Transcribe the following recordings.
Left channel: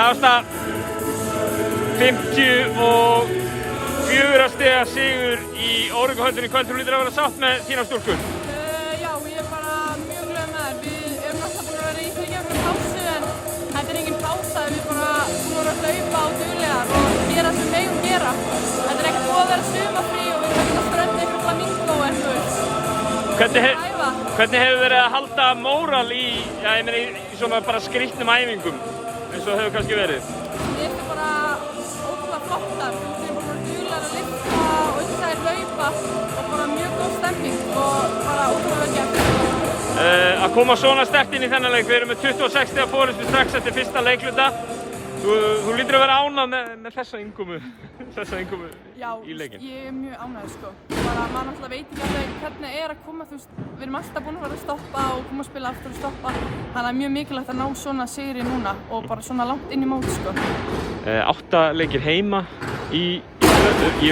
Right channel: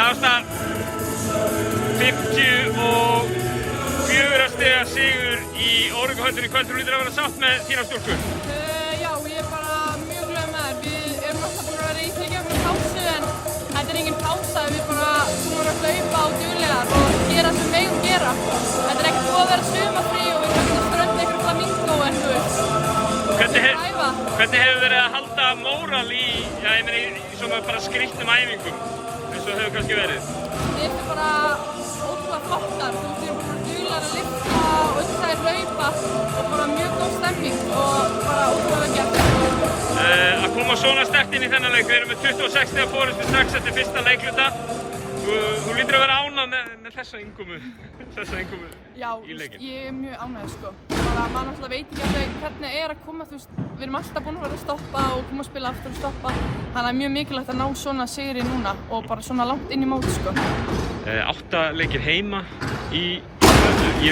alltaf 54 stiga sigur í Órvíkuhöllinni í kvöld. Þú lítur að vera sátt með þína stúlku. Já, ég er bara mjög glöð með það. Við erum alltaf búin að vera í fyrirgefnum pásu en þetta er engin pása. Við erum bara búin að hlaupa á duglegar og gera sem við megum gera. Þetta er ekkert búið að vera sumafrí og við erum ekki að strönda ykkur flamingó en þú veist. Hvernig hefur verið að halda móral í svona bara skrýtnum æfingum eins og hefur kannski verið? Við erum bara ótrúlega flottar. Við erum bara duglegar að lyfta og uppsæðir hlaupa og bara mjög góð stemming og bara ótrúlega gert. Að koma svona sterkt inn í þennan leik, við erum með 26 stiga forystu strax eftir fyrsta leikluta. Þú lítur að vera ánægð með þessa innkomu í leikinn. Já, ég er mjög ánægð sko. Bara maður náttúrulega veit ekki alveg hvernig er að koma, þú veist, við erum alltaf búin að vera að stoppa og koma að spila aftur og stoppa. Þannig að mjög mikilvægt að ná svona sigri núna og bara svona langt inn í mót sko. 8 leikir heima í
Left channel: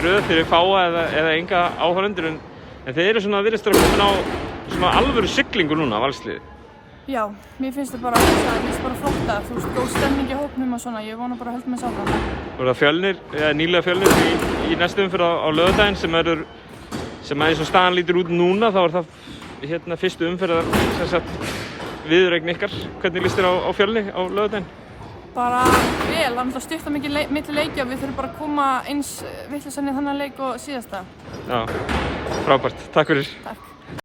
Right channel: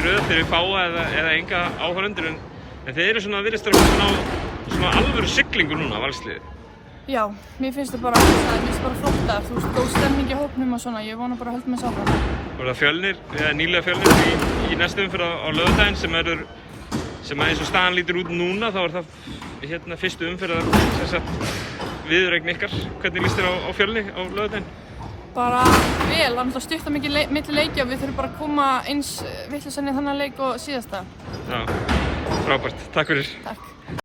röð fyrir fáa eða enga áhorfendur en þeir eru svona virðist að ná svona alvöru siglingu núna, Valsliðið. Já, mér finnst það bara flottar, þú veist, góð stemming í hópnum og svona, ég vona bara að halda mig sáfram. Og það Fjölnir, nýlega Fjölnir í næstu umferð á laugardaginn sem eins og staðan lítur út núna, þá er það fyrstu umferð viðureign ykkar. Hvernig líst þér á Fjölni á laugardaginn? Bara vel, það er stutt að mikið milli leikja og við þurfum bara að koma eins vitlausan í þannig leik og síðasta. Já, frábært. Takk fyrir. Takk.